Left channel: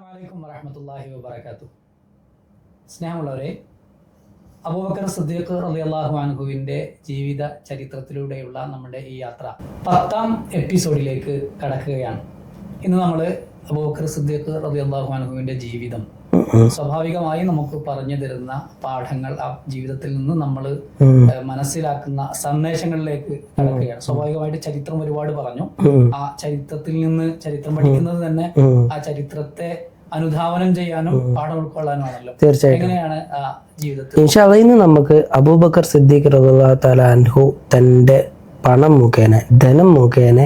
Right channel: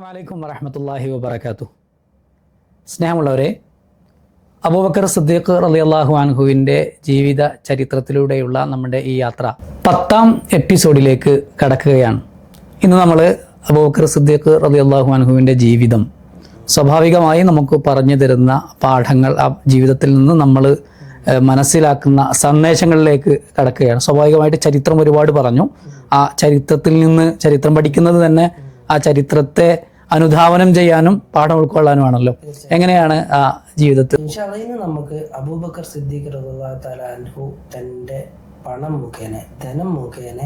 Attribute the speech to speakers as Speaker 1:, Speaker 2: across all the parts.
Speaker 1: വലൈക്കും വബർക്കാത്തു സ്നേഹമുള്ളവരെ അബൂബക്കർ സിദ്ദീഖ് അള്ളാഹു അൻഹുവിന്റെ ജീവിത ചരിത്രത്തിലൂടെയുള്ള നമ്മുടെ ഈ യാത്ര പത്താം എപ്പിസോഡിലേക്ക് കടക്കുകയാണ്. ഇന്ന് നമ്മൾ അബൂബക്കർ സിദ്ദീഖ് റളിയല്ലാഹു അൻഹുവിന്റെ ജീവിതം സ്വാഭാവികമായി നമുക്ക് പറഞ്ഞു തരുന്ന പാഠങ്ങൾ ആ ജീവിതത്തിൽ നിന്ന് നമ്മൾ മനസ്സിലാക്കുന്ന സന്ദേശങ്ങളിലേക്ക് കടക്കുകയാണ്. സ്വാഭാവികമായിട്ട് ചരിത്രം ഒരുപാട് പറഞ്ഞു. ആ ചരിത്രത്തിൽ നിന്ന് ചരിത്രം പഠിക്കുന്നത് തന്നെ ആ ചരിത്രത്തെ അനുധാവനം ചെയ്യാനും പാഠം ഉൾക്കൊള്ളാനുമാണല്ലോ.
Speaker 2: തീർച്ചയായും.
Speaker 1: എങ്ങനെയാണ് ആ ജീവിതത്തിൽ?
Speaker 2: ഇന്ന് നമുക്ക് അബൂബക്കർ സിദ്ദീഖ് റബുല്ലാ അൻഹു തന്റെ പണം മുഖേന ധനം മുഖേന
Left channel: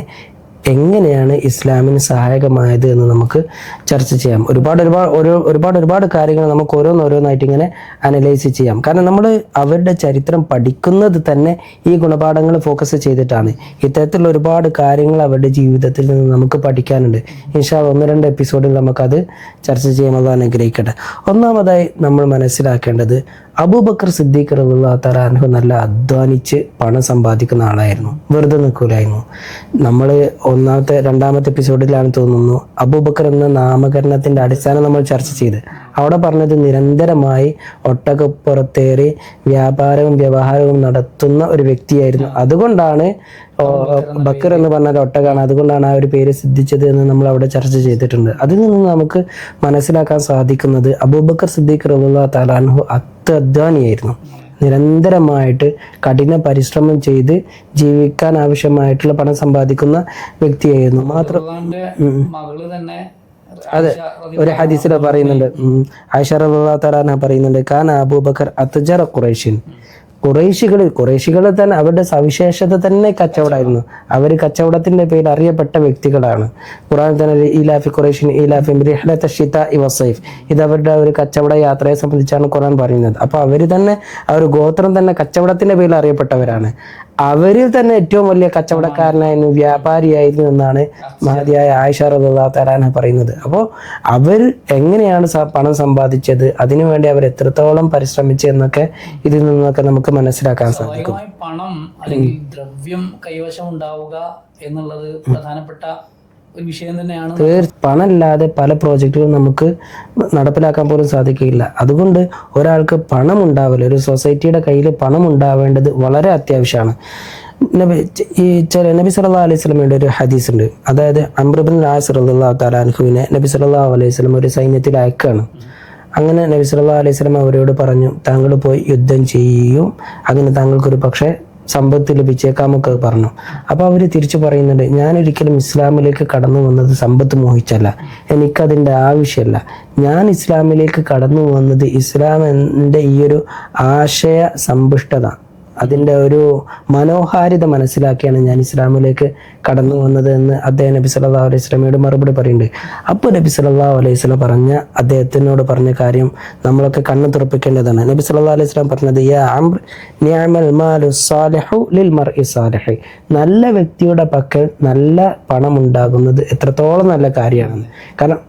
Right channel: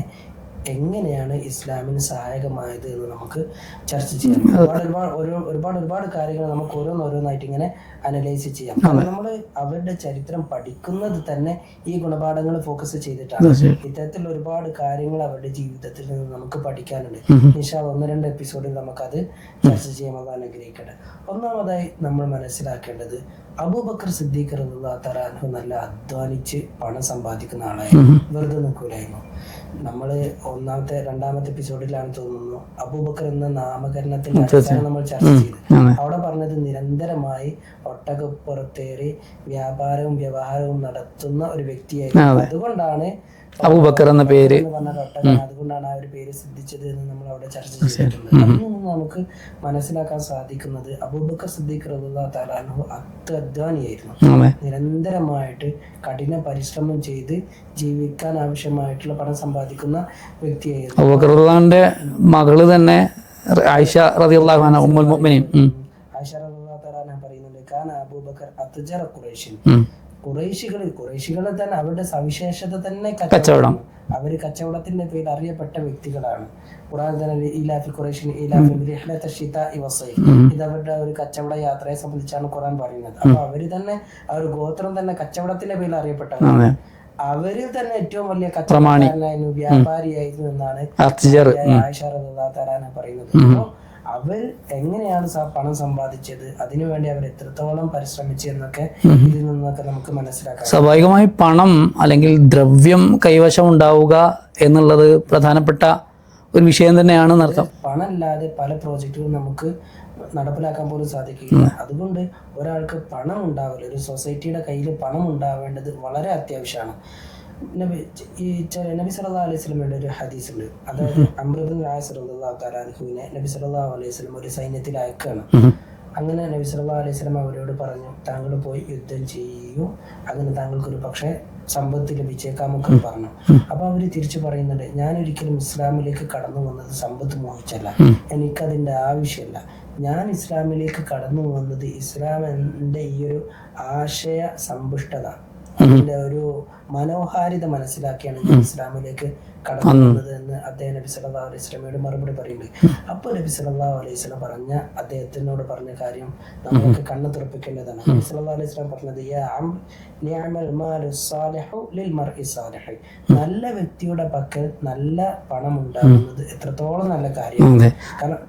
Speaker 2: എങ്ങനെയാണ് ഇസ്ലാമിന് സഹായകമായത് എന്ന് നമുക്ക് ചർച്ച ചെയ്യാം. ഒരുപാട് ഒരുപാട് ഒരു ഒരുപാട് ഒരുപാട് കാര്യങ്ങൾ നമുക്ക് ഓരോന്നോരോന്നായിട്ട് ഇങ്ങനെ അനലൈസ് ചെയ്യാം. കാരണം നമ്മൾ അവരുടെ ചരിത്രം പഠിക്കുന്നത് തന്നെ ഈ ഗുണപാഠങ്ങൾ ഫോക്കസ് ചെയ്തിട്ടാണ്. ഇത്തരത്തിലുള്ള ഒരുപാട് കാര്യങ്ങൾ അവരുടെ ജീവിതത്തിൽ നിന്ന് നമുക്ക് പഠിക്കാനുണ്ട്. ഇൻഷാ ഒന്ന് രണ്ട് എപ്പിസോഡിൽ നമുക്കത് ചർച്ച ചെയ്യുമ്പോൾ അനുഗ്രഹിക്കട്ടെ. ഒന്നാമതായി നമ്മൾ മനസ്സിലാക്കേണ്ടത് അബൂബക്കർ സിദ്ദീഖ് റളിയല്ലാഹു തആല അൻഹു നല്ല അധ്വാനിച്ച് പണം സമ്പാദിക്കുന്ന ആളായിരുന്നു. വെറുതെ നിൽക്കൂലായിരുന്നു നമ്മൾ ഒന്നാമത്തെ രണ്ടാമത്തെ എപ്പിസോഡിലാണ് തോന്നുന്നു അബൂബക്കർ എന്ന നാമകരണത്തിന്റെ അടിസ്ഥാനം നമ്മൾ ചർച്ച ചെയ്ത്. അവിടെ പറഞ്ഞത് നിരന്തരമായി ഒട്ടകപ്പുറത്തേറി വ്യാപാരവും വ്യവഹാരവും നടത്തുന്ന ഒരു വ്യക്തിയായിരുന്നു. അതുകൊണ്ടാണ്
Speaker 1: അബൂബക്കർ എന്ന
Speaker 2: പറഞ്ഞാൽ ഒട്ടകാണ് അതുകൊണ്ടാണ് ആ ഒരു പേര് സിദ്ധിച്ചത് എന്ന് നമ്മൾ അവിടെ ചർച്ച ചെയ്തിട്ടുണ്ട്. അതിൽ നിന്ന് നമുക്ക് മനസ്സിലാക്കാൻ സാധിക്കുന്നത് അബൂബക്കർ സിദ്ദീഖ് റളിയല്ലാഹു തആല അൻഹു അത്യധ്വാനിയായിരുന്നു
Speaker 1: അതെ.
Speaker 2: നിരന്തരമായിട്ട് കഠിന പരിശ്രമം ചെയ്ത് ജീവിക്കാൻ ആവശ്യമായിട്ടുള്ള പണം സമ്പാദിക്കുന്ന വ്യക്തിയായിരുന്നു.
Speaker 1: മകൾ തന്നെ ആയിഷ
Speaker 2: പറയുന്നുണ്ട്. കാൻ കാന അബൂബക്കർ അത്ജറ ഖുറൈഷിൻ കുറേശികൾ കുറേശികൾ തന്നെ അവരുടെ സവിശേഷത തന്നെ കച്ചവടമാണ്. അവർ കച്ചവടത്തിന്റെ പേരിൽ അറിയപ്പെട്ട വ്യക്തികളാണ്. ഖുറാൻ തന്നെ ഇലാഫി ഖുറൈഷിൻ ഇലാഫി ഷിത ഇവസൈഫ് വസൈഫ് ഇത് അവരുടെ ഒരു കച്ചവട യാത്രയെ സംബന്ധിച്ചാണ് ഖുറാൻ പറയുന്നത്. അപ്പൊ അവർ തന്നെ ആ ഒരു ഗോത്രം തന്നെ കച്ചവടത്തിന്റെ പേരിൽ അറിയപ്പെട്ടവരാണ്. അവരിൽ തന്നെ ഏറ്റവും വലിയ കച്ചവടക്കാരനായിരുന്നു വ്യാപാരിയായിരുന്നു എന്നാണ് ആയിഷ അൻഹ പറയുന്നത്. അപ്പോൾ അവർ എങ്ങനെയാണ് പണം സമ്പാദിച്ചത് അതിനുവേണ്ടി അവർ എത്രത്തോളം പരിശ്രമിച്ചു എന്നൊക്കെ ഇതിൽ നിന്നൊക്കെ നമുക്ക് മനസ്സിലാക്കാം.
Speaker 1: സ്വാഭാവികമായി പണം അല്ലെങ്കിൽ ദ്രവ്യം കൈവശം ഉണ്ടാവുക എന്നുള്ളത് പ്രധാനപ്പെട്ട ഒരു വിഷയം തന്നെയാണ്.
Speaker 2: പണമില്ലാതെ പല പ്രോജക്റ്റുകളും നമുക്ക് നടപ്പിലാക്കാൻ പോലും സാധിക്കില്ല അതുകൊണ്ട് ഒരാൾക്ക് പണം ഉണ്ടാവില്ല ഒരു സൊസൈറ്റിയുടെ കയ്യിൽ പണം ഉണ്ടാവേണ്ടത് വളരെ അത്യാവശ്യമാണ്. നബി ഈ ചില നബി സല്ലാ അലൈഹി സ്വലമയുടെ ഒരു ഹദീസ് ഉണ്ട് അതായത് അമ്രബിൻ അൻഹുവിനെ നബി സല്ലല്ലാഹു അലൈഹി സ്വലം ഒരു സൈന്യത്തിൽ അയക്കുകയാണ് അങ്ങനെ നബി സല്ലാ അലൈഹി സ്വലം അവരോട് പറഞ്ഞു താങ്കൾ പോയി യുദ്ധം ചെയ്യും. അങ്ങനെ താങ്കൾക്കൊരു പക്ഷേ സമ്പത്ത് ലഭിച്ചേക്കാമൊക്കെ പറഞ്ഞു. അപ്പൊ അവർ തിരിച്ചു പറയുന്നുണ്ട് ഞാൻ ഒരിക്കലും ഇസ്ലാമിലേക്ക് കടന്നു വന്നത് സമ്പത്ത് മോഹിച്ചല്ല. എനിക്കതിന്റെ ആവശ്യമല്ല ഞാൻ ഇസ്ലാമിലേക്ക് കടന്നു വന്നത് ഇസ്ലാമിന്റെ ഈ ഒരു ആശയ സമ്പുഷ്ടത അതിന്റെ ഒരു മനോഹാരിത മനസ്സിലാക്കിയാണ് ഞാൻ ഇസ്ലാമിലേക്ക് കടന്നു വന്നത് എന്ന് അദ്ദേഹം നബി സല്ലാ അലൈഹി സ്വലമയോട് മറുപടി പറയുന്നുണ്ട്. അപ്പോൾ നബി സല്ലാ അലൈഹി സ്വലം പറഞ്ഞ അദ്ദേഹത്തിനോട് പറഞ്ഞ കാര്യം നമ്മളൊക്കെ കണ്ണു തുറപ്പിക്കേണ്ടതാണ്. നബി സല്ലാ അലൈഹി സ്വലം പറഞ്ഞത് നല്ല വ്യക്തിയുടെ പക്കൽ നല്ല പണം ഉണ്ടാകുന്നത് എത്രത്തോളം നല്ല കാര്യമാണ്. കാരണം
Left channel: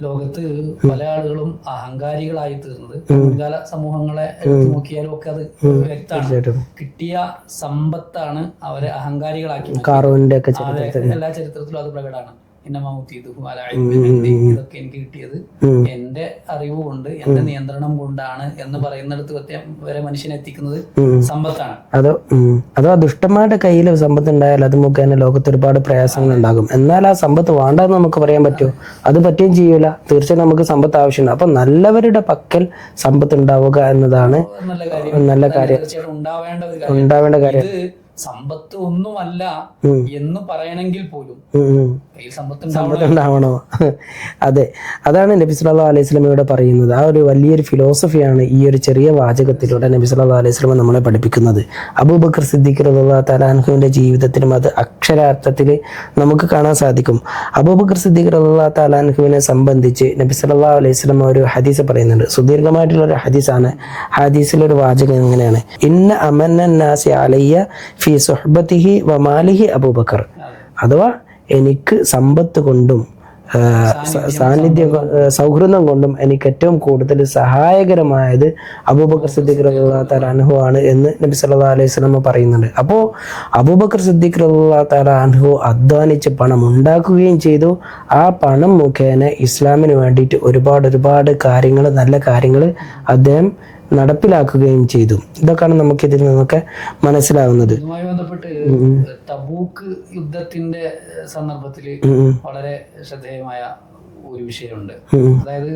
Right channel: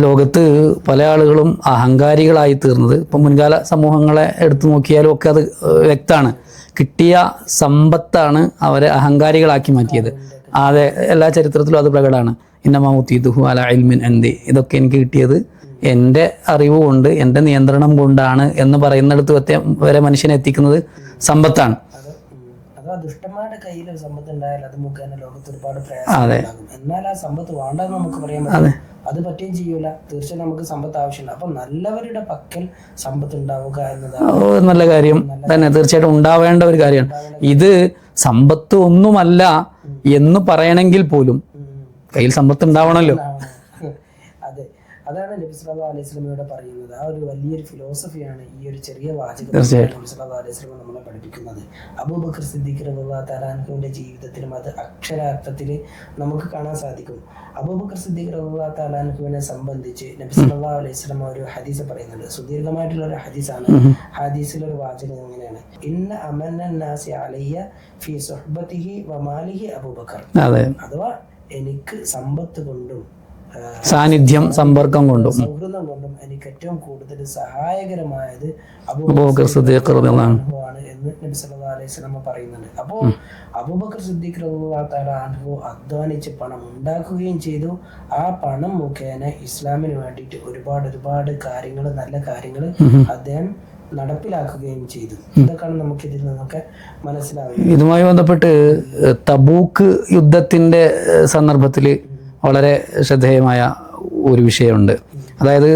Speaker 1: ലോകത്ത് പല ആളുകളും അഹങ്കാരികളായി തീർന്നത്. ഇപ്പൊ മുൻകാല സമൂഹങ്ങളെ എടുത്തു നോക്കിയാലും ഒക്കെ അത് വ്യക്തമാണ്. കിട്ടിയ സമ്പത്താണ് അവരെ അഹങ്കാരികളാക്കി മാറ്റിയത്. അതെ എല്ലാ ചരിത്രത്തിലും അത് പ്രകടമാണ്. ഇന്നമാമുത്തീതുഹു അല ഐമിൻ എന്തി ഇതൊക്കെ എനിക്ക് കിട്ടിയത് എന്റെ അറിവ് കൊണ്ട് എന്റെ നിയന്ത്രണം കൊണ്ടാണ് എന്ന് പറയുന്നിടത്ത് വരെ- വരെ മനുഷ്യനെ എത്തിക്കുന്നത് സമ്പത്താണ്.
Speaker 2: അതോ. അതോ ആ ദുഷ്ടന്മാരുടെ കയ്യിൽ സമ്പത്ത് ഉണ്ടായാൽ അത് മുഖേന ലോകത്ത് ഒരുപാട് പ്രയാസങ്ങൾ ഉണ്ടാകും. എന്നാൽ ആ സമ്പത്ത് വേണ്ടെന്ന് നമുക്ക് പറയാൻ പറ്റും. അത്. പറ്റുകയും ചെയ്യൂല. തീർച്ചയായും നമുക്ക് സമ്പത്ത് ആവശ്യമുണ്ട്. അപ്പൊ നല്ലവരുടെ പക്കൽ സമ്പത്ത് ഉണ്ടാവുക എന്നതാണ്
Speaker 1: നല്ല കാര്യം. നല്ല തീർച്ചയായിട്ടും ഉണ്ടാവേണ്ട ഒരു കാര്യം.
Speaker 2: ഉണ്ടാവേണ്ട
Speaker 1: ഇത് സമ്പത്ത് ഒന്നുമല്ല എന്ന് പറയണമെങ്കിൽ പോലും. കയ്യിൽ സമ്പത്ത് ഉണ്ടാവണമല്ലോ.
Speaker 2: ഉണ്ടാവണോ? അതെ. അതാണ് നബി സല്ലല്ലാഹു അലൈഹി ഇവിടെ പറയുന്നത്. ആ ഒരു വലിയൊരു ഫിലോസഫിയാണ് ഈ ഒരു ചെറിയ വാചകത്തിലൂടെ നബി സല്ലല്ലാഹു അലൈഹി നമ്മളെ പഠിപ്പിക്കുന്നത്. അബൂബക്കർ സിദ്ദീഖ് റളിയല്ലാഹു താലാൻഹുവിന്റെ ജീവിതത്തിലും അത് അക്ഷരാർത്ഥത്തിൽ നമുക്ക് കാണാൻ സാധിക്കും. അബൂബക്കർ സിദ്ദീഖ് റളിയല്ലാഹു തആല അൻഹുവിനെ സംബന്ധിച്ച് നബി സല്ലല്ലാഹു അലൈഹി ഒരു ഹദീസ് പറയുന്നുണ്ട്. സുദീർഘമായിട്ടുള്ള ഒരു ഹദീസാണ്. ഹദീസിലെ ഒരു വാചകം എങ്ങനെയാണ് ഇന്ന അമന്നാസി അലയ്യ ഫി സുഹബത്തിഹി വമാലിഹി അബൂബക്കർ. അഥവാ എനിക്ക് സമ്പത്ത് കൊണ്ടും
Speaker 1: സാന്നിധ്യം, സമ്പർക്കം കൊണ്ടും.
Speaker 2: സൗഹൃദം കൊണ്ടും എനിക്ക് ഏറ്റവും കൂടുതൽ സഹായകരമായത് അബൂബക്കർ അൻഹു. ആണ് എന്ന് നബി സല്ലാ അലൈഹി സ്വലമ പറയുന്നുണ്ട്. അപ്പോൾ അബൂബക്കർ സിദ്ദീഖ് റളിയല്ലാഹു തആല അൻഹു അധ്വാനിച്ച് പണം ഉണ്ടാക്കുകയും ചെയ്തു. ആ പണം മുഖേന ഇസ്ലാമിന് വേണ്ടിയിട്ട് ഒരുപാട് ഒരുപാട് കാര്യങ്ങൾ നല്ല കാര്യങ്ങൾ അദ്ദേഹം നടപ്പിലാക്കുകയും ചെയ്തു. ഇതൊക്കെയാണ് നമുക്ക് ഇതിൽ നിന്നൊക്കെ മനസ്സിലാകുന്നത്
Speaker 1: ഇതുമായി ബന്ധപ്പെട്ട് തബൂക്ക് യുദ്ധത്തിന്റെ സന്ദർഭത്തിൽ വളരെ ശ്രദ്ധേയമായ ഒരു വിഷയമുണ്ട്. അതായത്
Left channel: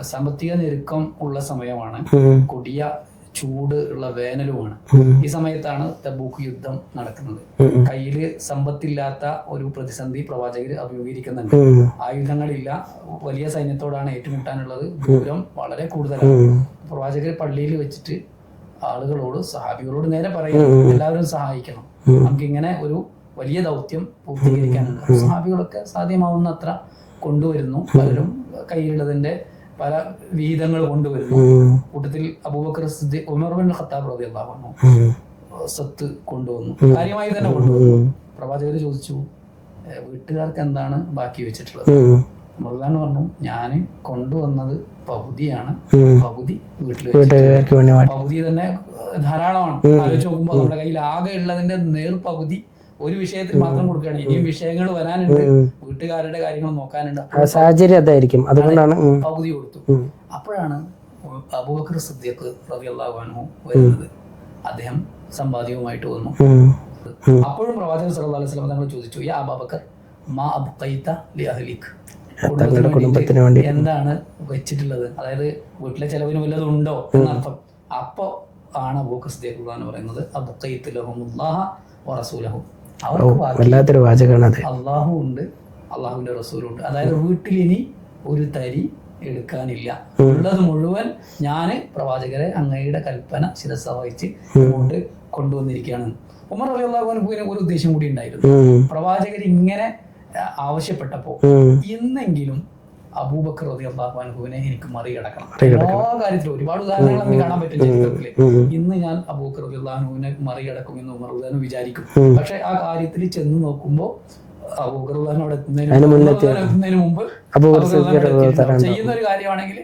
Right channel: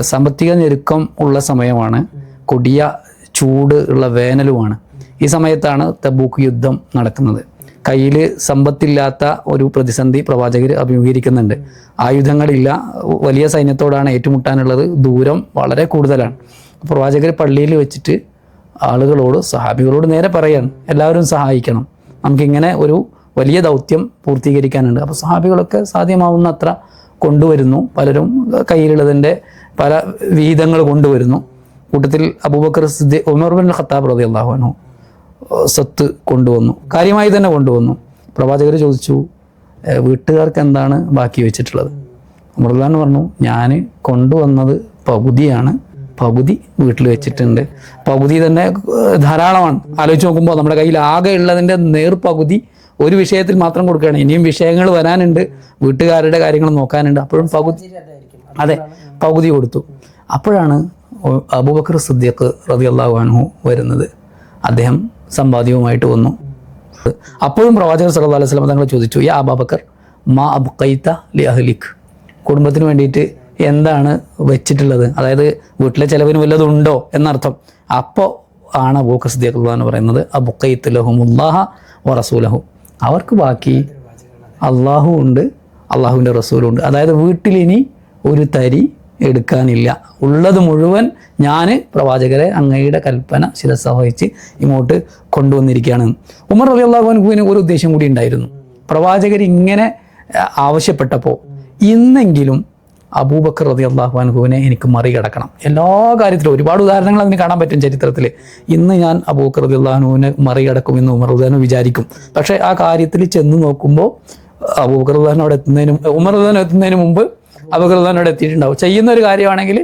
Speaker 1: സാമ്പത്തിക ഞെരുക്കം ഉള്ള സമയമാണ് കൊടിയ ചൂട് ഉള്ള വേനലുമാണ്. ഈ സമയത്താണ് തബൂക്ക് യുദ്ധം നടക്കുന്നത്. കയ്യിൽ സമ്പത്തില്ലാത്ത ഒരു പ്രതിസന്ധി പ്രവാചകർ അഭിമുഖീകരിക്കുന്നുണ്ട്. ആയുധങ്ങളില്ല. വലിയ സൈന്യത്തോടാണ് ഏറ്റുമുട്ടാനുള്ളത്. ദൂരം വളരെ കൂടുതലാണ്. പ്രവാചകർ പള്ളിയിൽ വെച്ചിട്ട് ആളുകളോട് സഹാബികളോട് നേരെ പറയാം എല്ലാവരും സഹായിക്കണം. നമുക്കിങ്ങനെ ഒരു വലിയ ദൗത്യം പൂർത്തീകരിക്കാനുണ്ട്. അപ്പൊ സഹാബികളൊക്കെ സാധ്യമാവുന്ന അത്ര കൊണ്ടുവരുന്നു പലരും കയ്യിലുള്ളതിന്റെ പല വിഹിതങ്ങൾ കൊണ്ടുവരുന്നു. കൂട്ടത്തിൽ Abu Bakr Siddiq Umar bin Khattab അൻഹു സത്ത് കൊണ്ടുവന്നു. കാര്യമായി തന്നെ കൊണ്ടുവന്നു. പ്രവാചകർ ചോദിച്ചു "ഏ, വീട്ടുകാർക്ക് എന്താണ് ബാക്കി വെച്ചിട്ടുള്ളത്? മുറുദാൻ പറഞ്ഞു ഞാൻ കൊണ്ടുവന്നത് പകുതിയാണ്. പകുതി വീട്ടിൽ വെച്ചിട്ടുണ്ട്. പകുതി തന്നെ ധാരാളമാണ്. ആലോചിച്ച് നോക്കുമ്പോൾ നമ്മുടെ കയ്യിൽ ആകെ ഉള്ളതിന്റെ നേർ പകുതി ഒരു വിഷയത്തിൽ മാത്രം കൊടുക്കുകയാണ്. ഇനിയും വിഷയങ്ങൾ വരാനുണ്ട്. വീട്ടുകാരുടെ കാര്യങ്ങൾ നോക്കാനുണ്ട്.
Speaker 2: ഉം.
Speaker 1: പകുതി കൊടുത്തു. അപ്പോഴാണ് അബൂബക്കർ സിദ്ദീഖ് റതി അൻഹു വരുന്നത്. അദ്ദേഹം സമ്പാദ്യവുമായിട്ട് വന്നു. അപ്പോഴും പ്രവാചകർ സല്ലു അലൈഹി സ്വലം തങ്ങൾ ചോദിച്ചു യാ അബാബക്കർ മാ അബ്ഖൈത ലി അഹ്ലിഖ് കുടുംബത്തിന് വേണ്ടിയിട്ട് എന്താണ് വെച്ചിട്ടുള്ളത്? അതായത് വീട്ടിലെ ചെലവിന് വല്ലതും ഉണ്ടോ എന്നർത്ഥം. അപ്പോ ആണ് അബൂബക്കർ സിദ്ദീഖ് എന്ന് പറയുന്നത് അബ്ഖൈത്ത് ലഹുമുല്ലാഹ മുല്ലാഹ റസൂലഹു. അവർക്ക് ബാക്കി അള്ളാഹു ഉണ്ട് അള്ളാഹുവിന്റെ റസൂലുണ്ട് അതായത് വീട്ടിൽ ഇനി ഒരു തരി എടുക്കാനില്ല. ഉള്ളത് മുഴുവൻ ഞാൻ പ്രവാചകരെ അങ്ങയുടെ കൽപ്പന ശിരസ വഹിച്ച് ഇങ്ങോട്ട് കൊണ്ടുവന്നിരിക്കുകയാണ്. ഉമർ അലി അള്ളാഹുവിന് ഒരു ഉദ്ദേശം കൂടി ഉണ്ടായിരുന്നു. പ്രവാചകർ ഇങ്ങനെ ആവശ്യപ്പെട്ടപ്പോൾ ഇന്നെങ്കിലും അബൂബക്കർ റതി അള്ളാഹുഅനുഹുവിനെ എനിക്ക് മറികടക്കണം. എല്ലാ കാര്യത്തിലും ഒരുപാട് ഉദാഹരണങ്ങൾ അതിന് കാണാൻ പറ്റും ചരിത്രത്തിൽ ഇന്ന് ഞാൻ അബൂബക്കർ റതി അള്ളാഹുവിനെ മറികടക്കും എന്ന് ഉമർ ഉദാഹരണം വിചാരിക്കും. പക്ഷെ ആ കാര്യത്തിൽ ചെന്ന് നോക്കുമ്പോൾ അബൂബക്കർ അവിടെ എത്തുന്നതിന് മുമ്പ് ഉമർ ഉദാഹരണം എത്തുന്നതിന് മുമ്പ് അബൂബക്കർ അവിടെ എത്തിയിട്ടുണ്ടാവും ചെയ്യുന്ന ഒരു കാര്യമാണെങ്കിൽ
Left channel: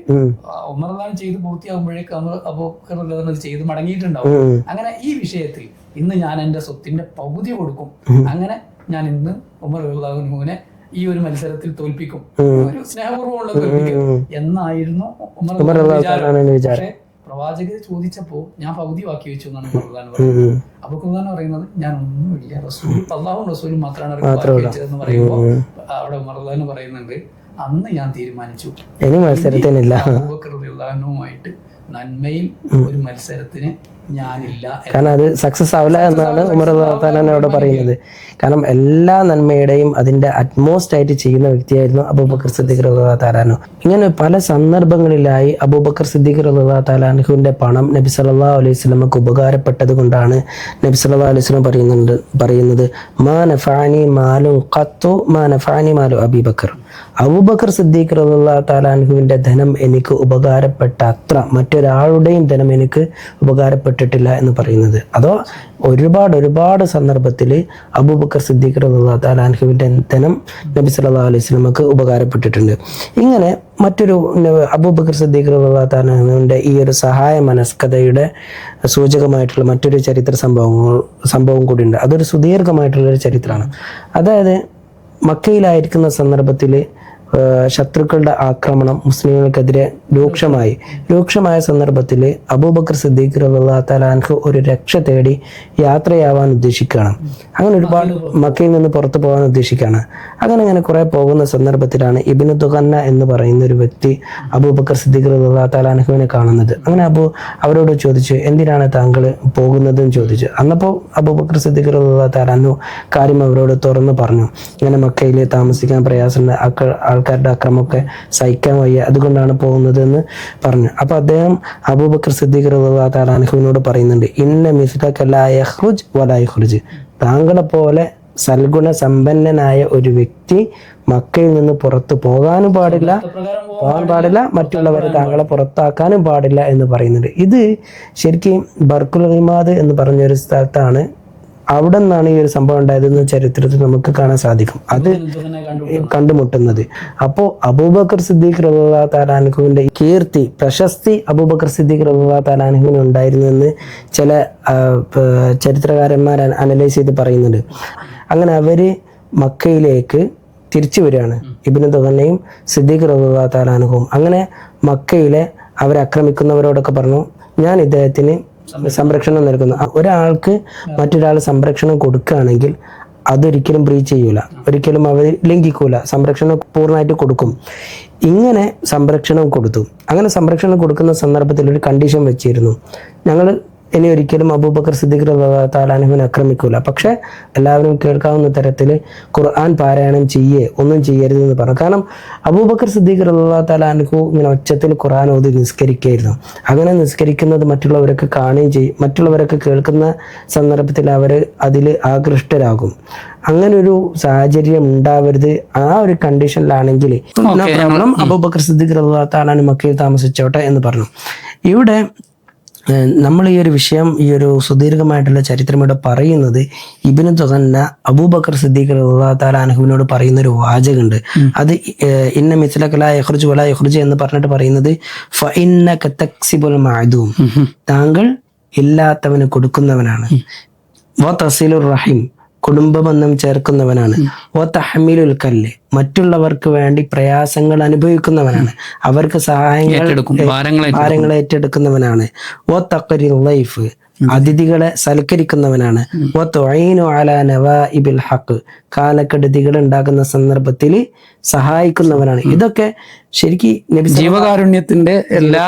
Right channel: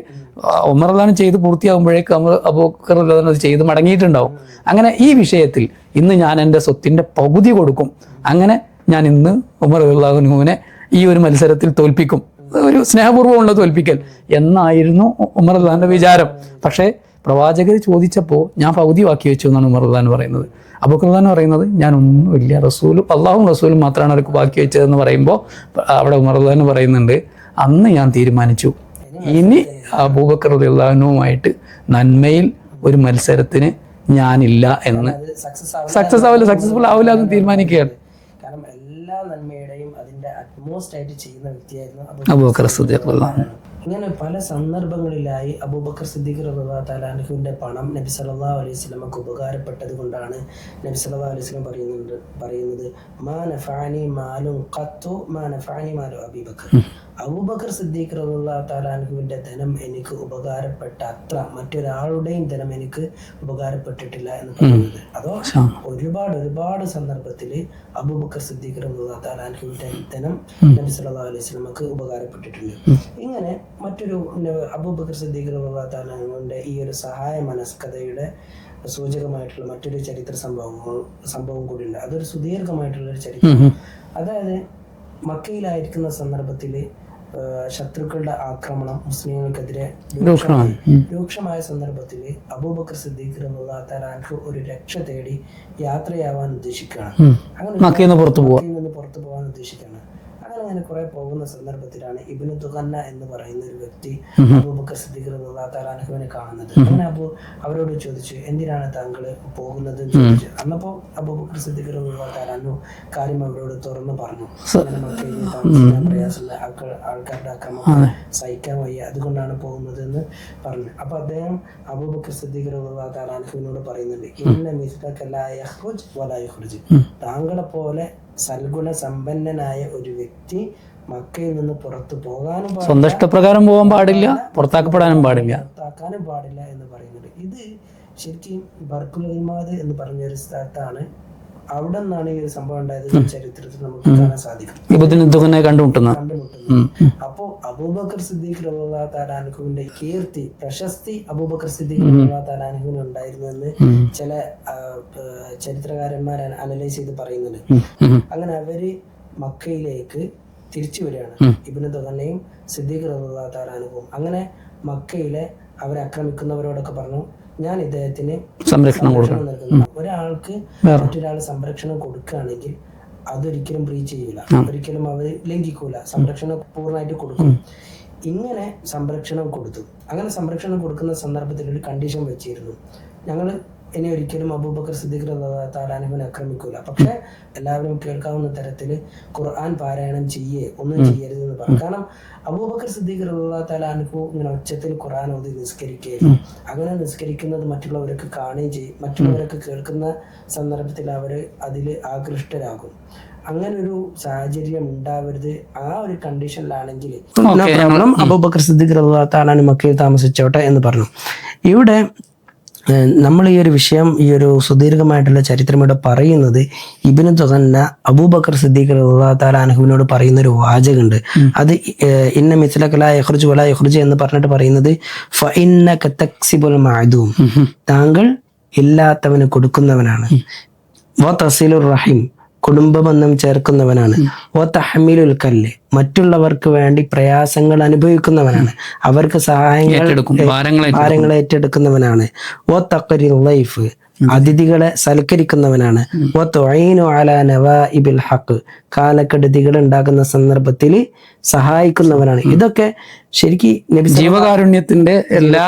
Speaker 1: ഉമർ ഉദാഹരണം ചെയ്ത് പൂർത്തിയാകുമ്പോഴേക്ക് അബൂബക്കർ ഉദാഹരണം അത് ചെയ്ത് മടങ്ങിയിട്ടുണ്ടാവും. അങ്ങനെ ഈ വിഷയത്തിൽ ഇന്ന് ഞാൻ എന്റെ സ്വത്തിന്റെ പകുതി കൊടുക്കും. അങ്ങനെ ഞാൻ ഇന്ന് ഉമർ റഹ്ലാഹുനുവിനെ ഈ ഒരു മത്സരത്തിൽ തോൽപ്പിക്കും. ഒരു സ്നേഹപൂർവമുള്ള തോൽപ്പിക്കൽ. എന്നായിരുന്നു ഉമർ റഹ്ലാന്റെ വിചാരം. പക്ഷേ പ്രവാചകർ ചോദിച്ചപ്പോ ഞാൻ പകുതി വാക്കി വെച്ചു എന്നാണ് ഉമർ റഹ്ലാൻ പറയുന്നത്. അബൂ ഖുർആൻ പറയുന്നത് ഞാൻ ഒന്നും ഇല്ല റസൂലും അള്ളാഹും റസൂലും മാത്രമാണ് അവർക്ക് വാക്കി വെച്ചതെന്ന് പറയുമ്പോൾ അവിടെ ഉമർ റഹ്ലാൻ പറയുന്നുണ്ട് അന്ന് ഞാൻ തീരുമാനിച്ചു.
Speaker 2: ഇനി
Speaker 1: അബൂബക്കർ അള്ളഹാനുമായിട്ട് നന്മയിൽ ഒരു മത്സരത്തിന് ഞാനില്ല
Speaker 2: കാരണം അത് സക്സസ് ആവില്ല
Speaker 1: തീരുമാനിക്കുകയാണ്.
Speaker 2: കാരണം എല്ലാ നന്മയുടെയും അതിന്റെ അറ്റ്മോസ്റ്റ് ആയിട്ട് ചെയ്യുന്ന വ്യക്തിയായിരുന്നു അബൂബക്കർ റളിയല്ലാഹു ഇങ്ങനെ പല സന്ദർഭങ്ങളിലായി അബൂബക്കർ സിദ്ദീഖ് റഹ്ലാ തആലാനുവിന്റെ പണം നബി സല്ലാ അലൈഹി സ്വലമക്ക് ഉപകാരപ്പെട്ടത് കൊണ്ടാണ് നബി സല്ലാ അലൈഹി സ്വലം പറയുന്നുണ്ട് പറയുന്നത് മാ നഫഅനി മാലും ഖത്തു മാ നഫഅനി മാലു അബീബക്കർ. അബൂബക്കർ സിദ്ദീഖ് റബുല്ലാ താലാൻഹുവിന്റെ ധനം എനിക്ക് ഉപകാരപ്പെട്ട അത്ര മറ്റൊരാളുടെയും ധനം എനിക്ക് ഉപകാരപ്പെട്ടിട്ടില്ല എന്ന് പറയുന്നത്. അതോ ഒരുപാട് ഒരുപാട് സന്ദർഭത്തിൽ അബൂബക്കർ സിദ്ദീഖ് റബുല്ലാ താലാൻഹുവിന്റെ ധനം നബി സല്ലാ അലൈഹി സ്വലമക്ക് ഉപകാരപ്പെട്ടിട്ടുണ്ട്. ഇങ്ങനെ മറ്റൊരു അബൂബക്കർ സിദ്ദീഖ് റബുല്ലാ താലാൻഹുവിന്റെ ഈ ഒരു സഹായ മനസ്കഥയുടെ സൂചകമായിട്ടുള്ള മറ്റൊരു ചരിത്ര സംഭവങ്ങൾ സംഭവം കൂടിയുണ്ട്. അതൊരു സുദീർഘമായിട്ടുള്ള ഒരു ചരിത്രമാണ് അതായത് മക്കയിലായിരിക്കുന്ന സന്ദർഭത്തിൽ ശത്രുക്കളുടെ ആക്രമണം മുസ്ലിങ്ങൾക്കെതിരെ രൂക്ഷമായി. രൂക്ഷമായ. സന്ദർഭത്തിൽ അബൂബക്കർ സിദ്ദീഖ് അൻഹു ഒരു രക്ഷ തേടി യാത്രയാവാൻ ഉദ്ദേശിക്കുകയാണ്. അങ്ങനെ
Speaker 1: മക്കയിൽ നിന്ന് പുറത്ത്
Speaker 2: പോകാൻ ഉദ്ദേശിക്കുകയാണ്. അങ്ങനെ അങ്ങനെ കുറെ പോകുന്ന സന്ദർഭത്തിലാണ് ഇബിന് തുഖന്ന എന്ന് പറയുന്ന ഒരു വ്യക്തി അബൂബക്കർ സിദ്ദീഖ് അൻഹുവിനെ കാണുന്നത്. അങ്ങനെ അബു അവരോട് ചോദിച്ചു എന്തിനാണ് താങ്കൾ പോകുന്നതെന്ന് ചോദിച്ചു. അന്നപ്പോ അബൂബക്കർ സിദ്ദീഖ് അൻഹു കാര്യം അവരോട് തുറന്നു പറഞ്ഞു. അങ്ങനെ മക്കയിൽ താമസിക്കാൻ പ്രയാസമുണ്ട്. ആക്ക- ആൾക്കാരുടെ അക്രമമൊക്കെ സഹിക്കാൻ വയ്യ. അതുകൊണ്ടാണ് പോകുന്നത് എന്ന് പറഞ്ഞു. അപ്പൊ അദ്ദേഹം അബൂബക്കർ സിദ്ദീഖ് അൻഹുവിനോട് പറയുന്നുണ്ട്. ഇന്ന മിസ്ലക വലായുഹുജ് താങ്കളെ പോലെ സൽഗുണ സമ്പന്നനായ ഒരു വ്യക്തി മക്കയിൽ നിന്ന് പുറത്തു പോകാനും പാടില്ല.
Speaker 1: പാടില്ല
Speaker 2: പുറത്താക്കാനും പാടില്ല എന്ന് പറയുന്നുണ്ട്. ഇത് ശരിക്കും ബർക്കുൽ റിമാദ് എന്ന് പറഞ്ഞ ഒരു സ്ഥലത്താണ് അവിടെ നിന്നാണ് ഈ ഒരു സംഭവം ഉണ്ടായതെന്ന് ചരിത്രത്തിൽ നമുക്ക് കാണാൻ സാധിക്കും. കണ്ടുമുട്ടുന്നത്. അപ്പോ അബൂബക്കർ സിദ്ദീഖ് റളിയല്ലാഹു തആല കീർത്തി പ്രശസ്തി അബൂബക്കർ സിദ്ദീഖ് ഉണ്ടായിരുന്നെന്ന് ഉണ്ടായിരുന്നു എന്ന് ചില ചരിത്രകാരന്മാർ അനലൈസ് ചെയ്ത് പറയുന്നുണ്ട്. അങ്ങനെ അവർ മക്കയിലേക്ക് തിരിച്ചു വരികയാണ്. ഇബിന് ദുഹനയും സിദ്ദീഖ് റളിയല്ലാഹു തആല അങ്ങനെ മക്കയിലെ അവരെ ആക്രമിക്കുന്നവരോടൊക്കെ പറഞ്ഞു ഞാൻ ഇദ്ദേഹത്തിന് സംരക്ഷണം നൽകുന്നു. ഒരാൾക്ക് മറ്റൊരാൾ സംരക്ഷണം കൊടുക്കുകയാണെങ്കിൽ അതൊരിക്കലും ബ്രീച്ച് ചെയ്യൂല. ഒരിക്കലും അവർ ലംഘിക്കൂല. സംരക്ഷണം പൂർണമായിട്ട് കൊടുക്കും. ഇങ്ങനെ സംരക്ഷണം കൊടുത്തു. അങ്ങനെ സംരക്ഷണം കൊടുക്കുന്ന സന്ദർഭത്തിൽ ഒരു കണ്ടീഷൻ വെച്ചിരുന്നു. ഞങ്ങൾ ഇനി ഒരിക്കലും അബൂബക്കർ സിദ്ദിഖ് താലാനുവിനെ ആക്രമിക്കൂല. പക്ഷെ എല്ലാവരും കേൾക്കാവുന്ന തരത്തിൽ ഖുർആൻ പാരായണം ചെയ്യേ ഒന്നും ചെയ്യരുത് എന്ന് പറഞ്ഞു. കാരണം അബൂബക്കർ സിദ്ദീഖ് താലാനുഹു ഇങ്ങനെ ഒച്ചത്തിൽ ഖുർആൻ ഓതി നിസ്കരിക്കുകയായിരുന്നു അങ്ങനെ നിസ്കരിക്കുന്നത് മറ്റുള്ളവരൊക്കെ കാണുകയും ചെയ്യും. മറ്റുള്ളവരൊക്കെ കേൾക്കുന്ന സന്ദർഭത്തിൽ അവർ അതിൽ ആകൃഷ്ടരാകും. അങ്ങനെ ഒരു സാഹചര്യം ഉണ്ടാവരുത് ആ ഒരു കണ്ടീഷനിലാണെങ്കിൽ അബൂബക്കർ സിദ്ദീഖ് താലാനു മക്കയിൽ താമസിച്ചോട്ടെ എന്ന് പറഞ്ഞു. ഇവിടെ നമ്മൾ ഈ ഒരു വിഷയം ഈ ഒരു സുദീർഘമായിട്ടുള്ള ചരിത്രം ഇവിടെ പറയുന്നത് ഇബിന് തുകന്ന അബൂബക്കർ സിദ്ദീഖ് താലാനഹുവിനോട് പറയുന്ന ഒരു വാചകമുണ്ട്. അത് ഇന്ന മിസ്ലക്കല യഹ്റുജ് വല യഹ്റുജ് എന്ന് പറഞ്ഞിട്ട് പറയുന്നത് ഫ ഇന്ന കത്തക്സിബുൽ മാദൂം താങ്കൾ ഇല്ലാത്തവന് കൊടുക്കുന്നവനാണ്. വ തസീലുർ റഹിം. കുടുംബബന്ധം ചേർക്കുന്നവനാണ്. ഓ തഹമീലുൽ കല്ല്. മറ്റുള്ളവർക്ക് വേണ്ടി പ്രയാസങ്ങൾ അനുഭവിക്കുന്നവനാണ്. അവർക്ക് സഹായങ്ങൾ ഭാരങ്ങൾ ഏറ്റെടുക്കുന്നവനാണ് ഓ തക്കരി ലൈഫ്. അതിഥികളെ സൽക്കരിക്കുന്നവനാണ്. ഹക്ക് കാലക്കെടുതികൾ ഉണ്ടാകുന്ന സന്ദർഭത്തിൽ സഹായിക്കുന്നവനാണ്. ഇതൊക്കെ ശരിക്ക് നബി
Speaker 1: ജീവകാരുണ്യത്തിന്റെ എല്ലാ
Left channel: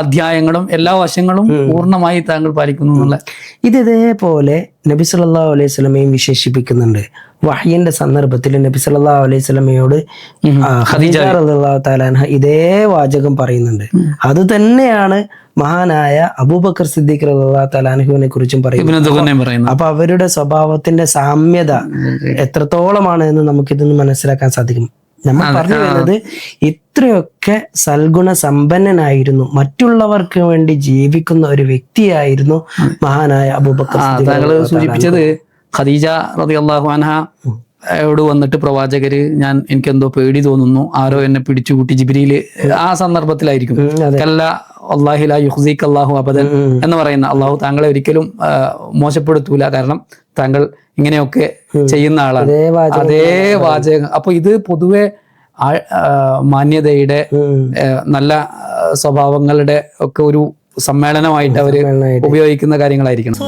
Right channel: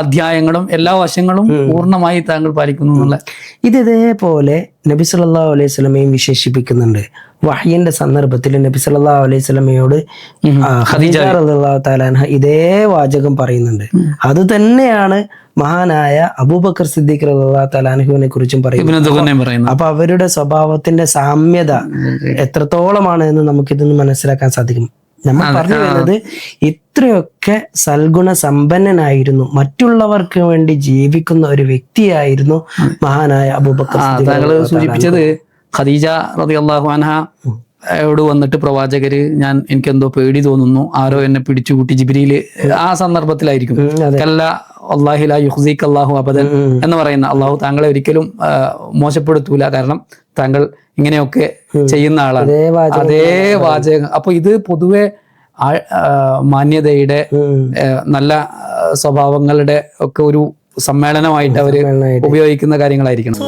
Speaker 1: അധ്യായങ്ങളും എല്ലാ വശങ്ങളും പൂർണമായി താങ്കൾ പാലിക്കുന്നു എന്നുള്ള
Speaker 2: ഇത് ഇതേപോലെ നബി സല്ലല്ലാഹു അലൈഹി സ്വലമയും വിശേഷിപ്പിക്കുന്നുണ്ട്. വഹ്യന്റെ സന്ദർഭത്തിൽ നബി സല്ലല്ലാഹു അലൈഹി സ്വലമയോട് ഖദീജ റളിയല്ലാഹു ഇതേ വാചകം പറയുന്നുണ്ട്. അത് തന്നെയാണ് മഹാനായ അബൂബക്കർ സിദ്ദീഖ് റളിയല്ലാഹു തആല അൻഹുവിനെ കുറിച്ചും
Speaker 1: പറയുന്നു
Speaker 2: അപ്പൊ അവരുടെ സ്വഭാവത്തിന്റെ സാമ്യത എത്രത്തോളമാണ് എന്ന് നമുക്കിതൊന്ന് മനസ്സിലാക്കാൻ സാധിക്കും. നമ്മൾ പറഞ്ഞു വരുന്നത് ഇത്രയൊക്കെ സൽഗുണ സമ്പന്നനായിരുന്നു. മറ്റുള്ളവർക്ക് വേണ്ടി ജീവിക്കുന്ന ഒരു വ്യക്തിയായിരുന്നു മഹാനായ അബൂബക്കർ സിദ്ദീഖ്
Speaker 1: താങ്കൾ സൂചിപ്പിച്ചത് ഖദീജ റതി അള്ളാഹു അൻഹ യോട് വന്നിട്ട് പ്രവാചകര് ഞാൻ എനിക്കെന്തോ പേടി തോന്നുന്നു. ആരോ എന്നെ പിടിച്ചുകൂട്ടി ജിബിരിയിൽ ആ സന്ദർഭത്തിലായിരിക്കും. കല്ല അള്ളാഹില യുഹ്സീഖ് അള്ളാഹു അബദൻ എന്ന് പറയുന്ന അള്ളാഹു താങ്കളെ ഒരിക്കലും മോശപ്പെടുത്തൂല. കാരണം താങ്കൾ ഇങ്ങനെയൊക്കെ ചെയ്യുന്ന ആളാണ്.
Speaker 2: അതേ വാചകം
Speaker 1: അതേ വാചകം. അപ്പൊ ഇത് പൊതുവെ മാന്യതയുടെ നല്ല സ്വഭാവങ്ങളുടെ ഒക്കെ ഒരു സമ്മേളനമായിട്ട്
Speaker 2: അവർ
Speaker 1: ഉപയോഗിക്കുന്ന കാര്യങ്ങളായിരിക്കണം.